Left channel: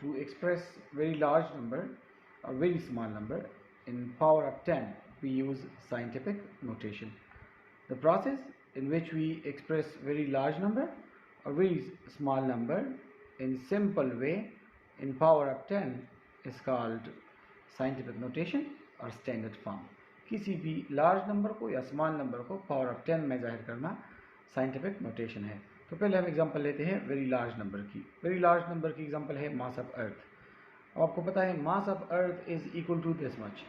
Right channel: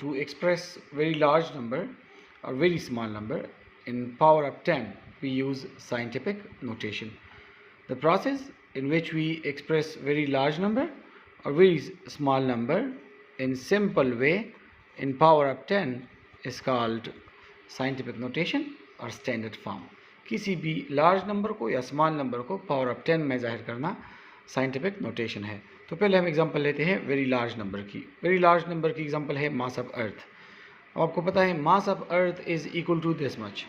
to express very large number or very small number in power of 10, we use scientific notation. The process in which we express very large number or very small number in simple way in power of 10 is called scientific notation और standard form. किसी भी large number को या small number को power of 10 में जाहिर करना scientific notation है. तो पहले हम एग्जांपल लेते हैं वेरी लार्ज नंबर की. वेरी लार्ज नंबर की एग्जांपल है मास ऑफ अर्थ. अब आपको पता है mass of Earth is equal to this much.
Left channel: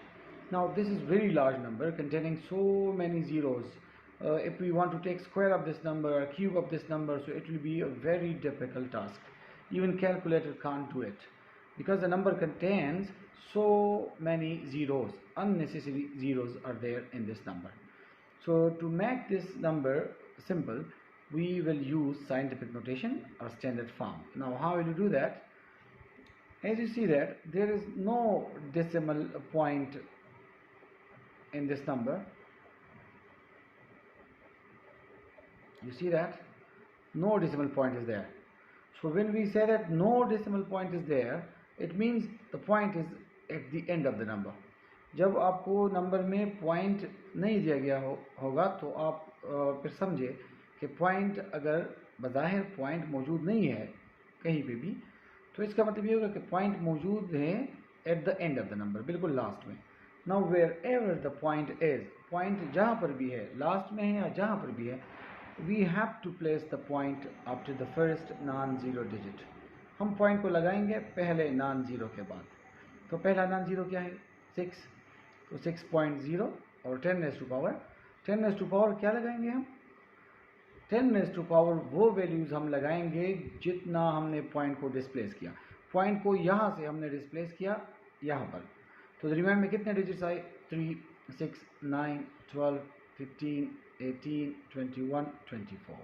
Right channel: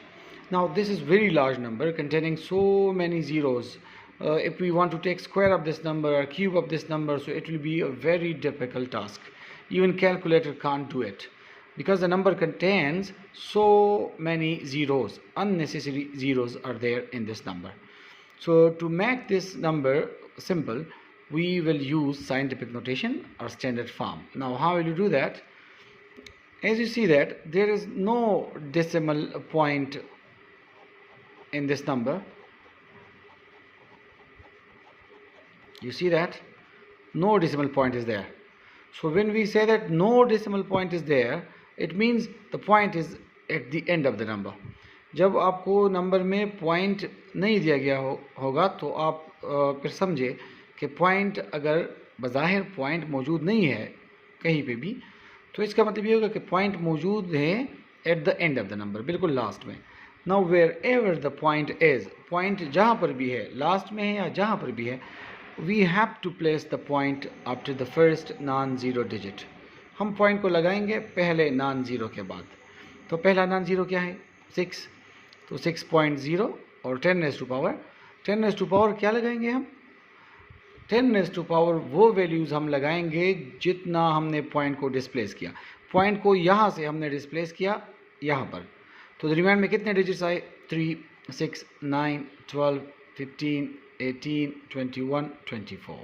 Now this is very large number containing so many zeros. If we want to take square of this number or cube of this number, so it will be a very difficult task. Even calculator can't do it because the number contains so many zeros. Unnecessary zeros are there in this number. So to make this number simple, we will use scientific notation or standard form. Now how will you do that? As you see that there is no decimal point in this number. You see that no decimal point is there. So when we say that no decimal point is there, it means the point is at the end of the number. जब आपको number में point नहीं दिया गया होगा तो आप फिर समझे कि पॉइंट अगर बज़ाहिर पॉइंट मौजूद नहीं है कहीं पे भी, तो इसका मतलब ये होगा कि पॉइंट मौजूद है at the end of the number, बिल्कुल लास्ट में. Now wherever the point is, point जहाँ पर भी है, लास्ट में है या जहाँ पर भी है, we have to place the point after the first non zero digit. हम पॉइंट को लगाएंगे पहले नॉन ज़ीरो के बाद. तो पहला नॉन ज़ीरो क्या है? 6. तो 6.0 और 10 रेज़ टू पावर क्या लगाएंगे हम? 10 रेज़ टू पावर वो वैल्यूज़ हम लगाएंगे जितना हमने पॉइंट को डिस्प्लेस किया. पॉइंट को यहाँ से हमने डिस्प्लेस किया यहाँ पर, तो दरमियान में कितने डिजिट्स आए? 3, 6, 9, 12, 15, 18, 21, 24.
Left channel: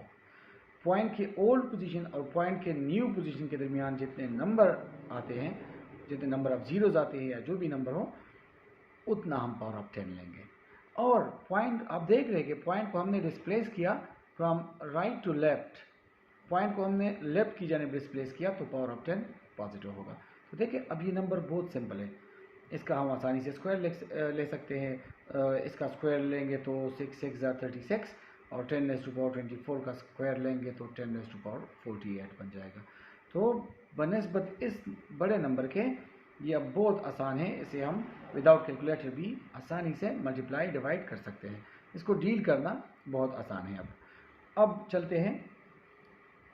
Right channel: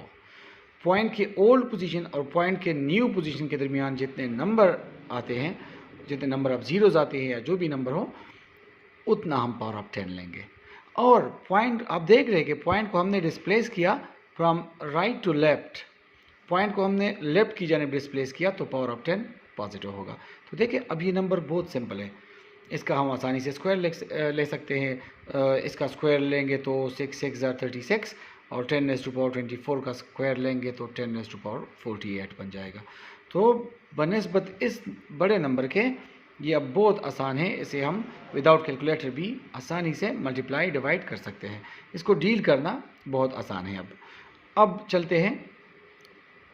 पॉइंट के ओल्ड पोजीशन और पॉइंट के न्यू पोजीशन के दरमियान जितने नंबर आते हैं, जितने नंबर ऑफ ज़ीरोज़ आते हैं या जो भी नंबर हो, उतना हम पावर ऑफ 10 लेंगे. और पॉइंट आप देख रहे हैं कि पॉइंट को हमने डिस्प्लेस किया from right to left. Point को हमने लेफ्ट की जानिब डिस्प्लेस किया तो पावर ऑफ 10 पॉजिटिव होगा. तो देखिए अब ये नंबर बहुत सिंपल है. इसका हम आसानी से स्क्वायर ले सकते हैं. इसका स्क्वायर लेंगे तो 6 6 36 और 10 रेज़ टू पावर 24 का स्क्वायर लेंगे तो 10 रेज़ टू पावर 48 बन जाएगा. तो बनिस्बत इस बड़े नंबर के ये अब बहुत आसान है. इसे हम विदाउट कैलकुलेटर भी आसानी से मल्टीप्लाई डिवाइड कर सकते हैं. इसको डील करना बहुत आसान है. अब चलते हैं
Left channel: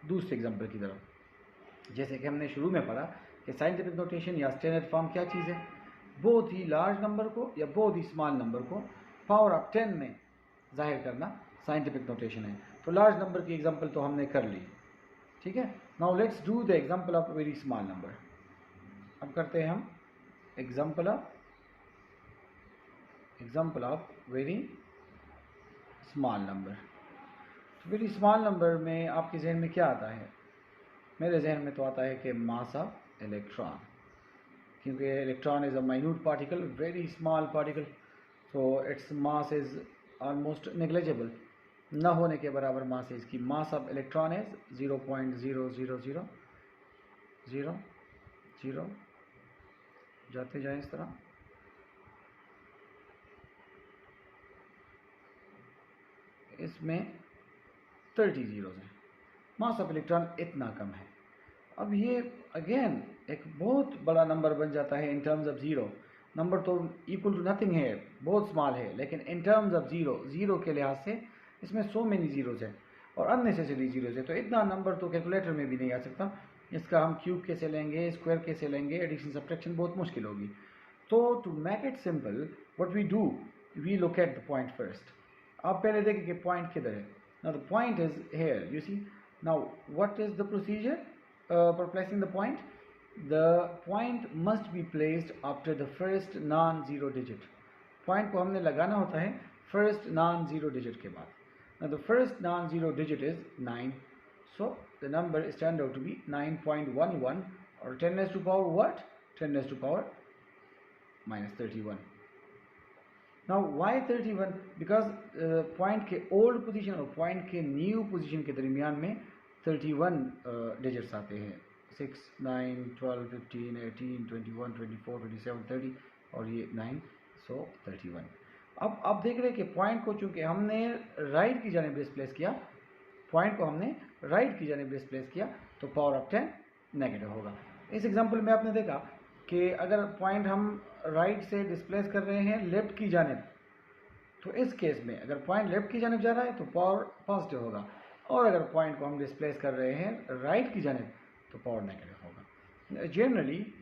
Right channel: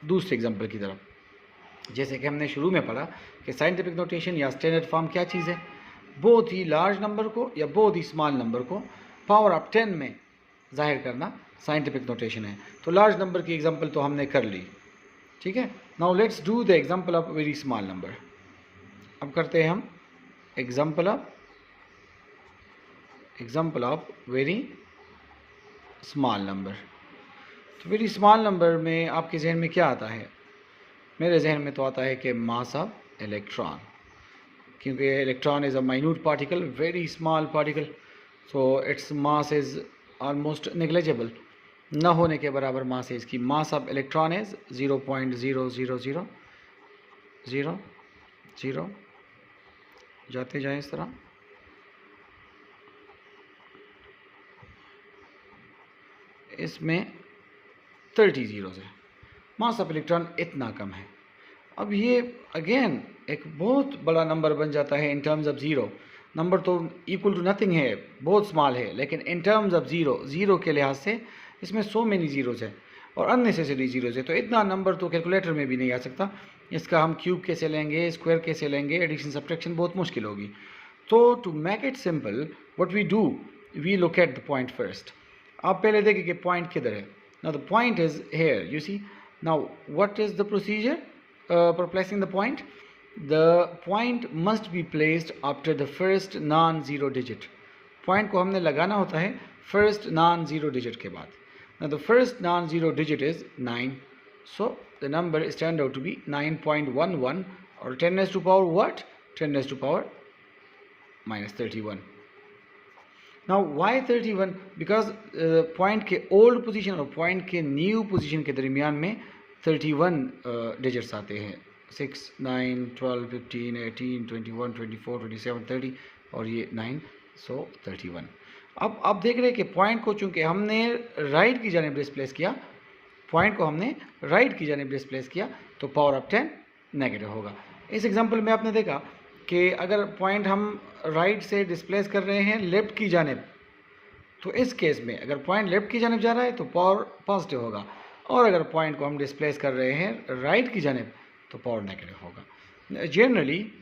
दूसरे एग्जांपल की तरफ. जैसे कि हमने शुरू में पढ़ा कि साइंटिफिक नोटेशन या स्टैंडर्ड फॉर्म क्या चीज़ है? बहुत ही लार्ज नंबर को या बहुत ही स्मॉल नंबर को पावर ऑफ 10 में जाहिर करना साइंटिफिक नोटेशन है. तो लार्ज नंबर की एग्जांपल तो हमने कर ली, ठीक है. Now let's do the example of very small number. अब करते हैं हम example of very small number. तो वेरी स्मॉल नंबर में आपके जहन में क्या आता है? मेरे जहन में तो आता है कि मास ऑफ इलेक्ट्रॉन, क्योंकि electron is a minute particle, very small particle, so its mass is almost negligible, न होने के बराबर मास है इसकी. मास ऑफ इलेक्ट्रॉन इज़ 0.000000 जाते जाएं इस तरह. इसमें 30 ज़ीरोज़ है. मास ऑफ इलेक्ट्रॉन इतना कम है. अब ये अगेन एक बहुत बड़ा नंबर बन जाता है in terms of zero. Number तो इक्वल टू नथिंग है, बहुत स्मॉल है, लेकिन इन टर्म्स ऑफ ज़ीरो के लिहाज से इसमें सो मेनी ज़ीरोज़ है और अननेसेसरी ज़ीरोज़ है. तो इतना नंबर तो कैलकुलेटर में भी नहीं आ सकता. इसका हम क्यूब कैसे लेंगे, स्क्वायर कैसे लेंगे, एडिशन सब्ट्रैक्शन बहुत मुश्किल होगी. तो to make it simple what we do, we locate the point first. आप पहले देखें कि पॉइंट किधर है. Now the point is here, you see. Now what is the procedure for placing the point? The point must be placed after the first non zero digit. Point को हमने लगाना होता है फर्स्ट नॉन ज़ीरो डिजिट के बाद. Now the first non-zero digit is 9, so the number is turned out to be 9.11 or 10 raised to power what? 10 raised to power minus 31. Now why 31? Because point के old position और point के new position के दरमियान में 31 digits आते हैं 6, 9, 12, 15, 18, 21, 24, 27, 30 और ये 9, so 31। अब आप देख रहे हैं कि पॉइंट को चूंकि हमने राइट की जानिब डिस्प्लेस किया, पॉइंट को हमने राइट की जानिब डिस्प्लेस किया, तो पावर ऑफ 10 नेगेटिव होगा। इस एग्जांपल में आपने देखा कि अगर पॉइंट हम राइट से डिस्प्लेस कर रहे हैं लेफ्ट की जानिब, तो इस केस में अगर पॉइंट लेफ्ट की जानिब जा रहा है तो पावर पॉजिटिव होगा, और अगर पॉइंट को हम डिस्प्लेस कर रहे हैं राइट की जानिब तो पावर नेगेटिव होगा। जनरली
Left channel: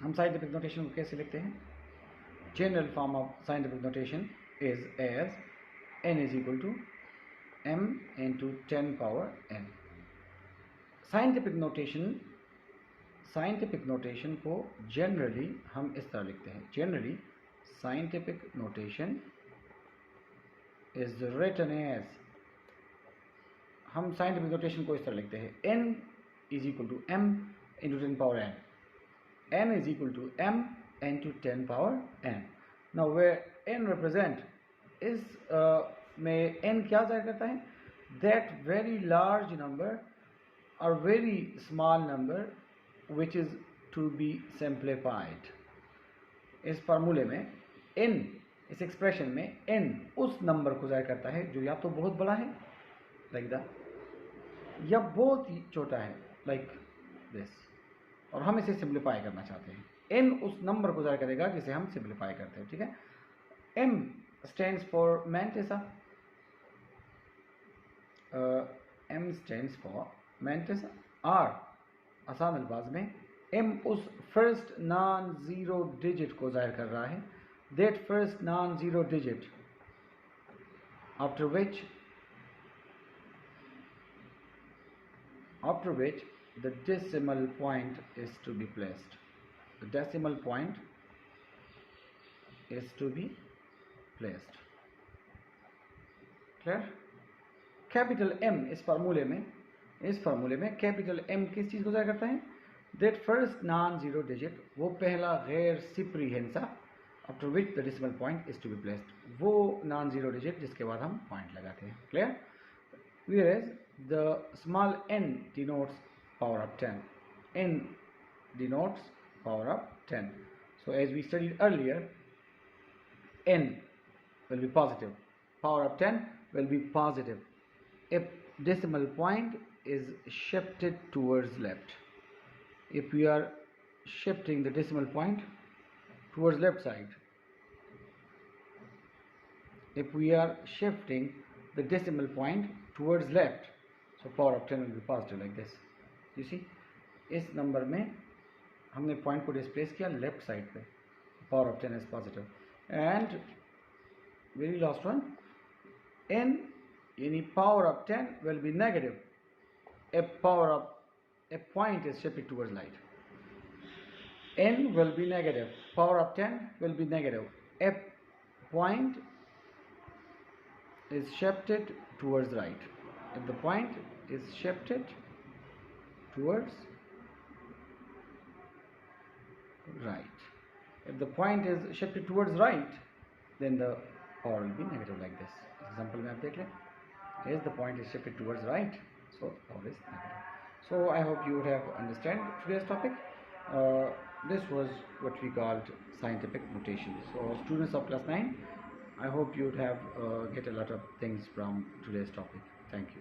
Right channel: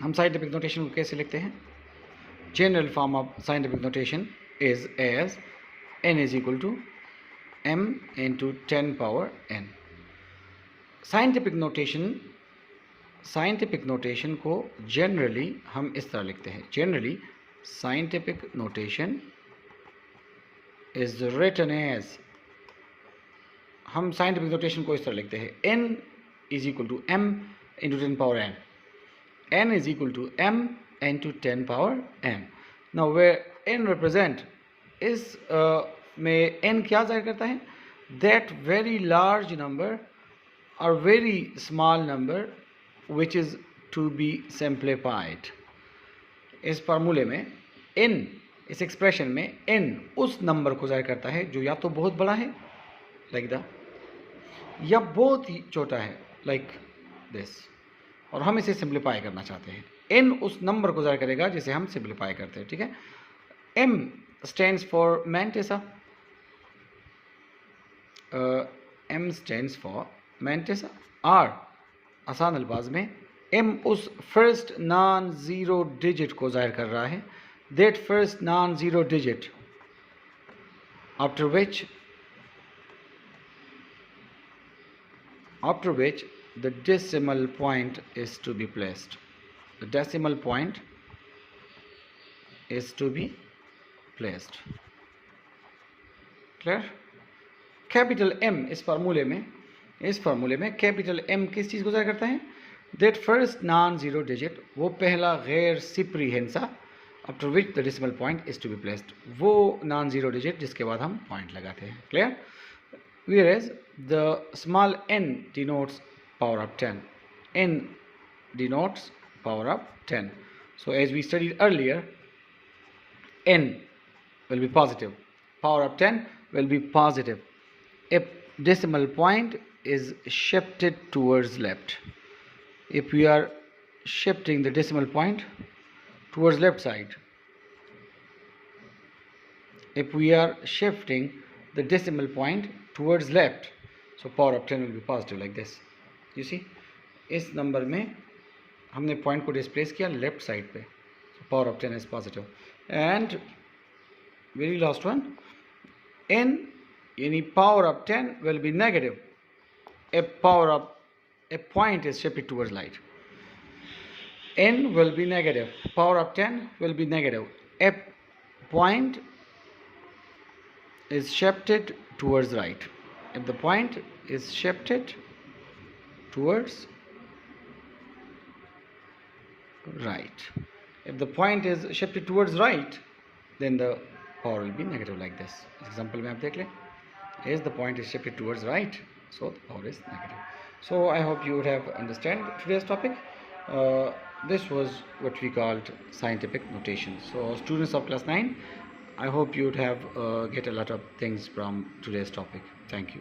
हम साइंटिफिक नोटेशन को कैसे लिखते हैं? General form of scientific notation is as n is equal to m into 10 power n। Scientific notation को जनरली हम इस तरह लिखते हैं। Generally scientific notation is written as, हम साइंटिफिक नोटेशन को इस तरह लिखते हैं, n is equal to m into 10 power n, n is equal to m into 10 power m। Now where n represent, इस में n क्या जाहिर करता है? दैट वेरी लार्ज नंबर और very small number which is to be simplified. इस फार्मूले में n, इस एक्सप्रेशन में n उस नंबर को जाहिर करता है जो या तो बहुत बड़ा है लाइक द, या बहुत ही छोटा है लाइक दिस, और हम इसे सिंप्लीफाई करना चाहते हैं। n उस नंबर को जाहिर करेगा जिसे हम सिंप्लीफाई करते हैं, ठीक है। m स्टैंड्स फॉर मैंटेसा, m स्टैंड्स फॉर मैंटेसा। r आसान अल्फाज में m उस फर्स्ट नॉन ज़ीरो डिजिट को जाहिर कर रहा है, that first non zero digit after which the decimal point is to be placed. The decimal point is to be placed. Clear? Capital M इस फार्मूले में कैपिटल M किस चीज़ को जाहिर करता है? That first non zero digit, वो पहला गैर सिपरी हिस्सा, after which the decimal point is to be placed, वो नॉन ज़ीरो डिजिट जिसके बाद हम पॉइंट लगाते हैं। Clear? Whereas the small n denotes power of 10. N denotes power of 10. So as we studied earlier, n will be positive. Power of 10 will be positive if decimal point is shifted towards left. If we are shifting the decimal point towards left side, if we are shifting the decimal point towards left, so power of 10 will be positive like this. You see, इस number में हमने point को displace किया left side पे, so power of 10 is positive. And very last one, n यानी power of 10 will be negative if a point is shifted towards light. n will be negative, power of 10 will be negative if point is shifted towards right. If the point is shifted towards right, if the point is shifted towards right, then the power will be negative like this. Example में आप देख लें, as the point is shifted towards right, so the power is negative. So I hope you would have understand today's topic. This was what we called scientific notation. So students of class 9, I hope you would have get a lot of things from today's topic. Thank you.